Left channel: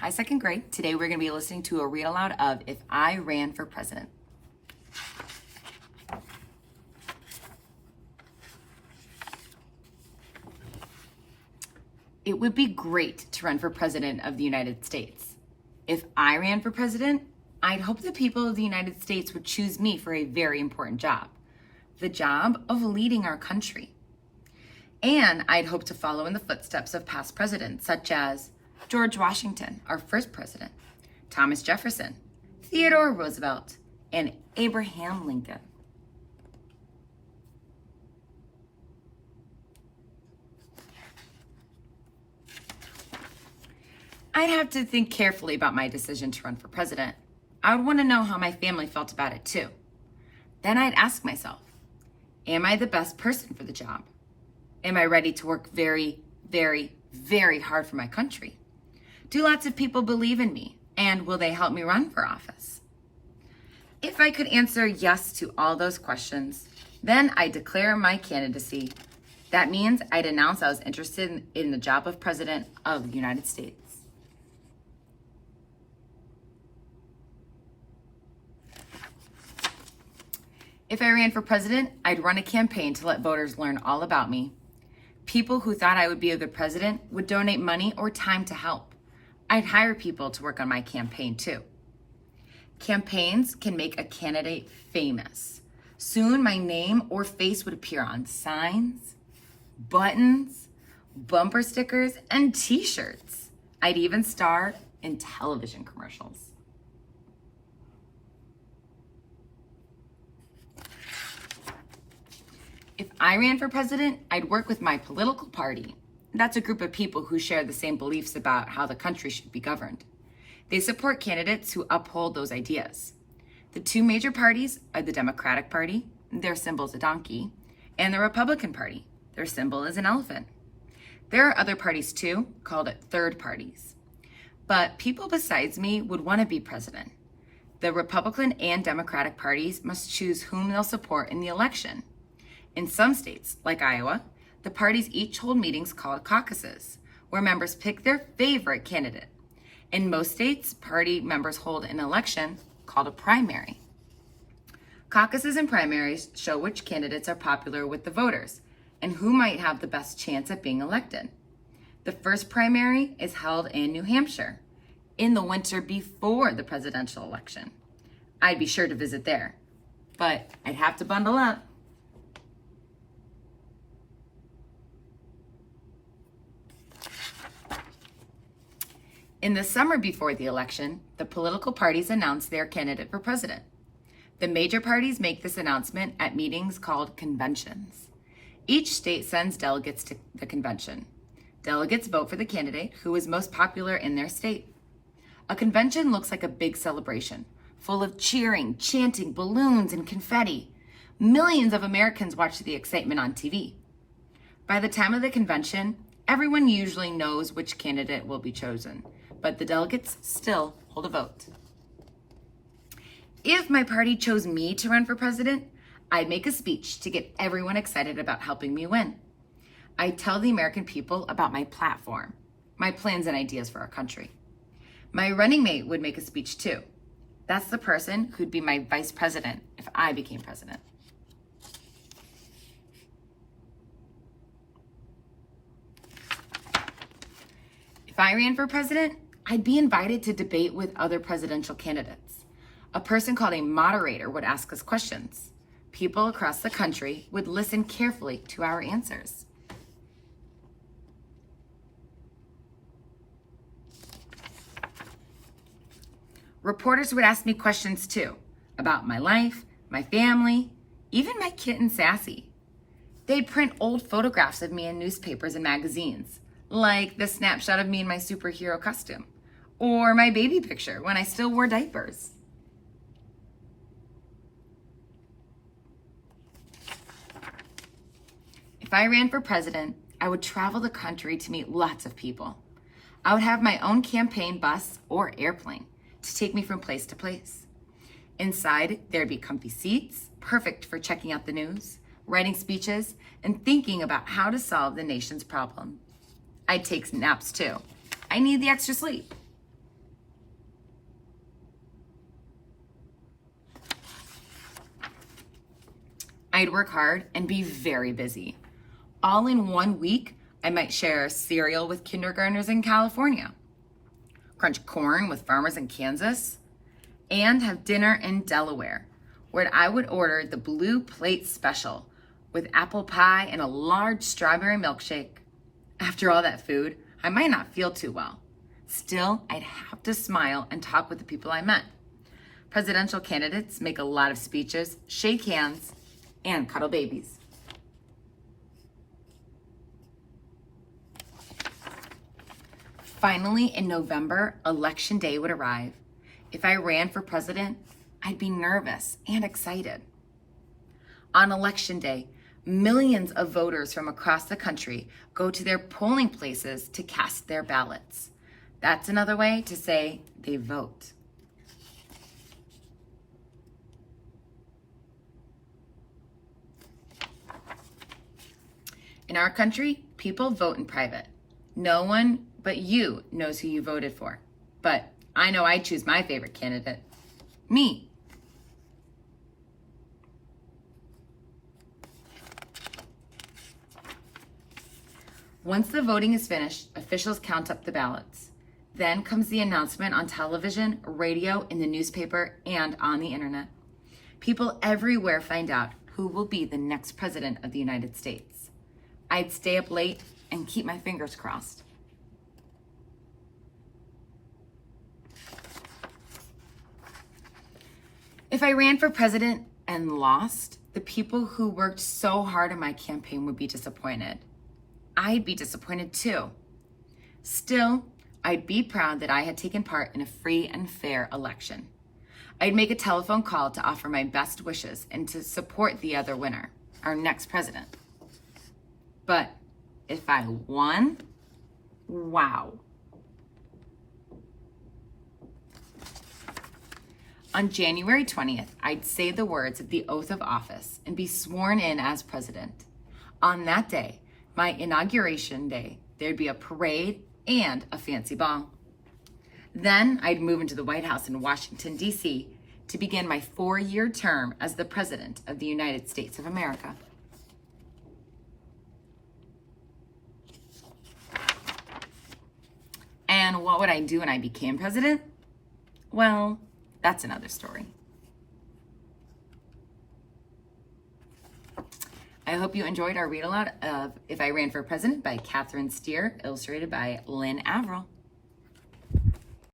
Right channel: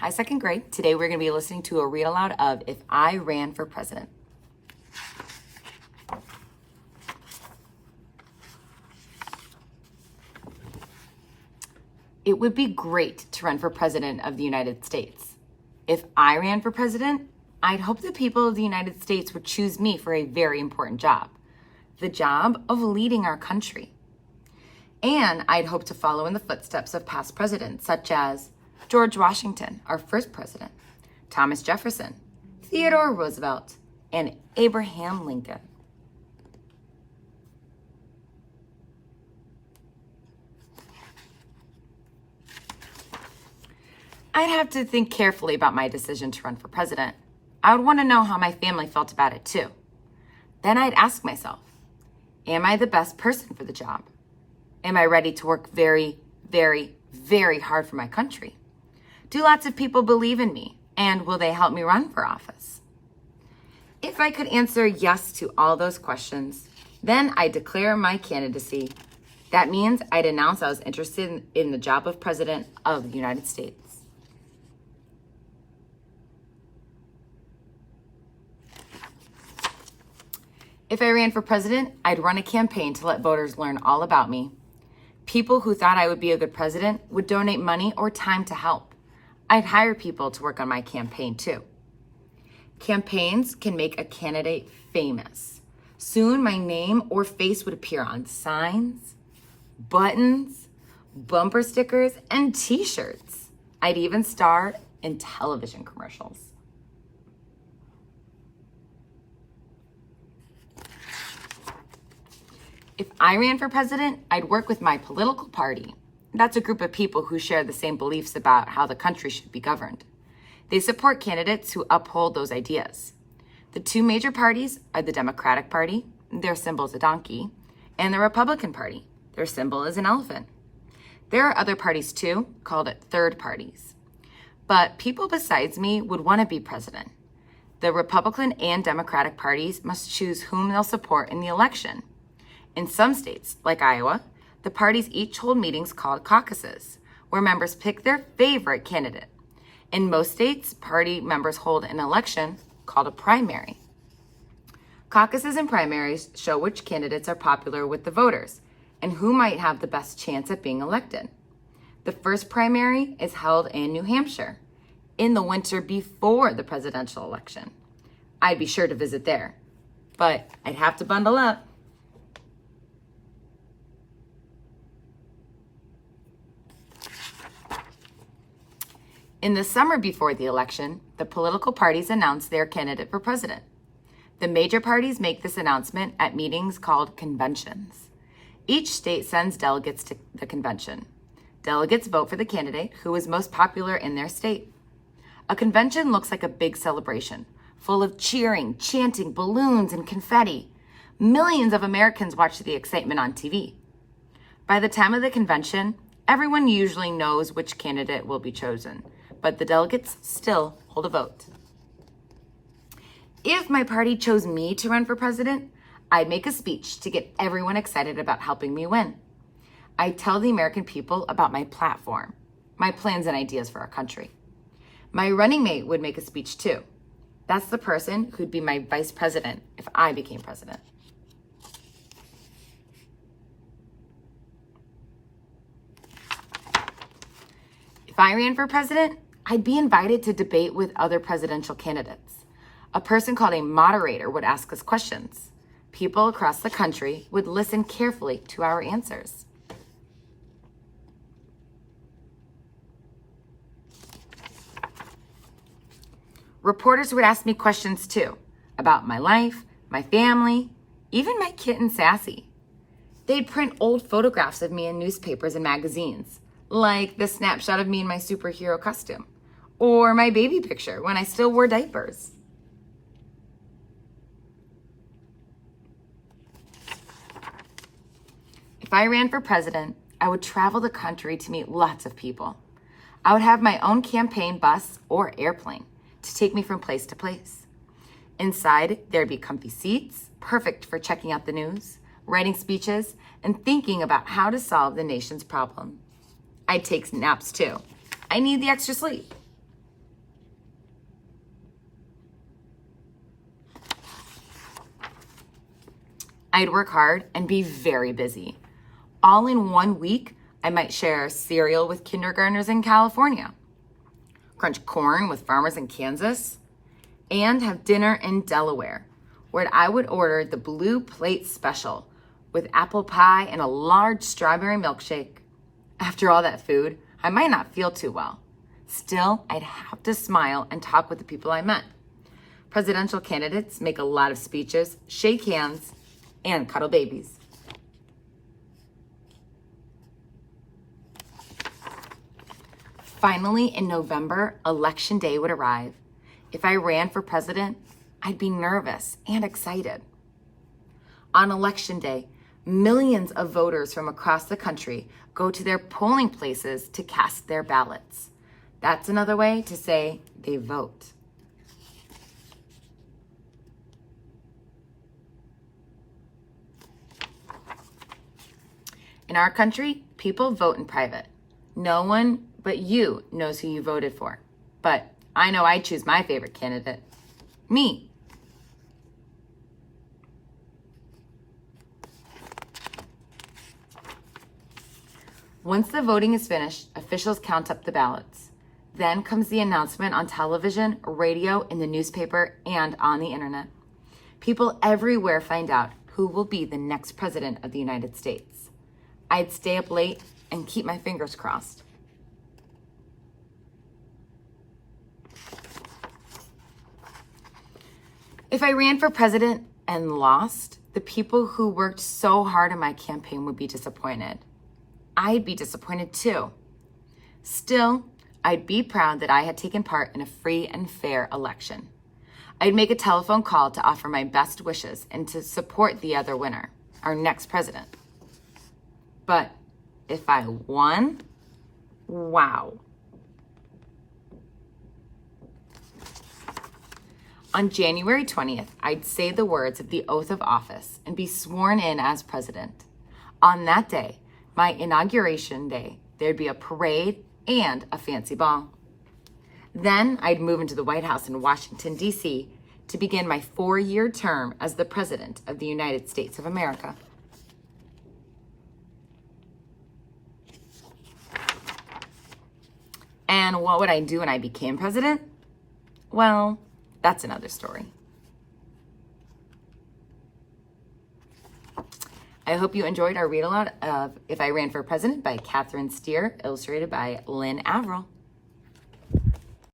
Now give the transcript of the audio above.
Hi, second grade. Today we're going to be listening to a read aloud of If I Ran for President. It would be great to run for president of the United States. If I ran for president, I'd hope the people of the United States would choose me for a very important job, the job of leading our country. And I'd hope to follow in the footsteps of past presidents such as George Washington, our first president, Thomas Jefferson, Theodore Roosevelt, and Abraham Lincoln. I'd have to think carefully about my decision to run for president. I would want to know how my family felt about it too. Then I'd ask myself, am I the best person for the job? Am I ready to work very, very, very hard for my country? Do lots of people believe in me? And will they help me run for office? If I could answer yes to all those questions, then I'd declare my candidacy. That means I'd announce I was interested in the job of president of the United States. If I ran for president, I'd run a campaign to let voters learn all about me. People who thought I would be a good president would donate money or time to help. I'd hire people to work on my campaign too. Campaigns can make a candidate famous. Soon my name or face would appear on signs, buttons, bumper stickers, and t-shirts. I'd even star in television commercials. If I ran for president, I'd work with my political party. That's a group of people who share the same beliefs about how the country should be governed. They support candidates who uphold those ideas. The two major parties are the Democratic Party, their symbol is a donkey, and the Republican Party, their symbol is an elephant. There are other parties too, called third parties. But people besides me would want to be president. The Republican and Democratic parties must choose whom they'll support in the election. In some states, like Iowa, the parties each hold meetings called caucuses, where members pick their favorite candidate. In most states, party members hold an election called a primary. Caucuses and primaries show which candidates are popular with the voters and who might have the best chance at being elected. The first primary is held in New Hampshire in the winter before the presidential election. I'd be sure to visit there, but I'd have to bundle up. In the summer before the election, the political parties announce their candidate for president. The major parties make this announcement at meetings called conventions. Each state sends delegates to the convention. Delegates vote for the candidate who is most popular in their state. A convention looks like a big celebration, full of cheering, chanting, balloons, and confetti. Millions of Americans watch the excitement on TV. By the time of the convention, everyone usually knows which candidate will be chosen, but the delegates still hold a vote. If my party chose me to run for president, I'd make a speech to get everyone excited about helping me win. I'd tell the American people about my platform, my plans and ideas for our country. My running mate would make a speech too. That's the person who'd be my vice president if I became president. If I ran for president, I'd be invited to debate with other presidential candidates. A person called a moderator would ask us questions. People across the country would listen carefully to our answers. Reporters would ask me questions too, about my life, my family, even my kitten Sassy. They'd print old photographs of me in newspapers and magazines, like the snapshot of me in my superhero costume, or my baby picture when I still wore diapers. If I ran for president, I would travel the country to meet lots of people. I would have my own campaign bus or airplane to take me from place to place. Inside, there'd be comfy seats, perfect for checking out the news, writing speeches, and thinking about how to solve the nation's problem. I'd take naps too. I need the extra sleep. I'd work hard and be very busy. All in 1 week, I might share cereal with kindergartners in California, crunch corn with farmers in Kansas, and have dinner in Delaware, where I would order the Blue Plate Special with apple pie and a large strawberry milkshake. After all that food, I might not feel too well. Still, I'd have to smile and talk with the people I met. Presidential candidates make a lot of speeches, shake hands, and cuddle babies. Finally, in November, Election Day would arrive. If I ran for president, I'd be nervous and excited. On Election Day, millions of voters from across the country go to their polling places to cast their ballots. That's another way to say they vote. In our country, people vote in private. No one but you knows who you voted for. But I know I'd choose my favorite candidate, me. Once the voting is finished, officials count up the ballots. Then comes the announcement on television, radio, in the newspaper, and on the internet. People everywhere find out who will be the next president of the United States. I'd stay up late and keep my fingers crossed. If I ran for president and lost, the people who worked so hard on my campaign would be disappointed. I'd be disappointed too. Still, I'd be proud that I had taken part in a free and fair election. I'd make a telephone call to offer my best wishes and to support the other winner, our next president. But if I won, wow. On January 20th, I'd say the words of the oath of office and be sworn in as president. On that day, my inauguration day, there'd be a parade and a fancy ball. Then I'd move into the White House in Washington, D.C. to begin my 4-year term as the President of the United States of America. And what would I do when I became president? Well, that's another story. I hope you enjoyed our read aloud of If I Ran for President by Catherine Steer, illustrated by Lynn Averill.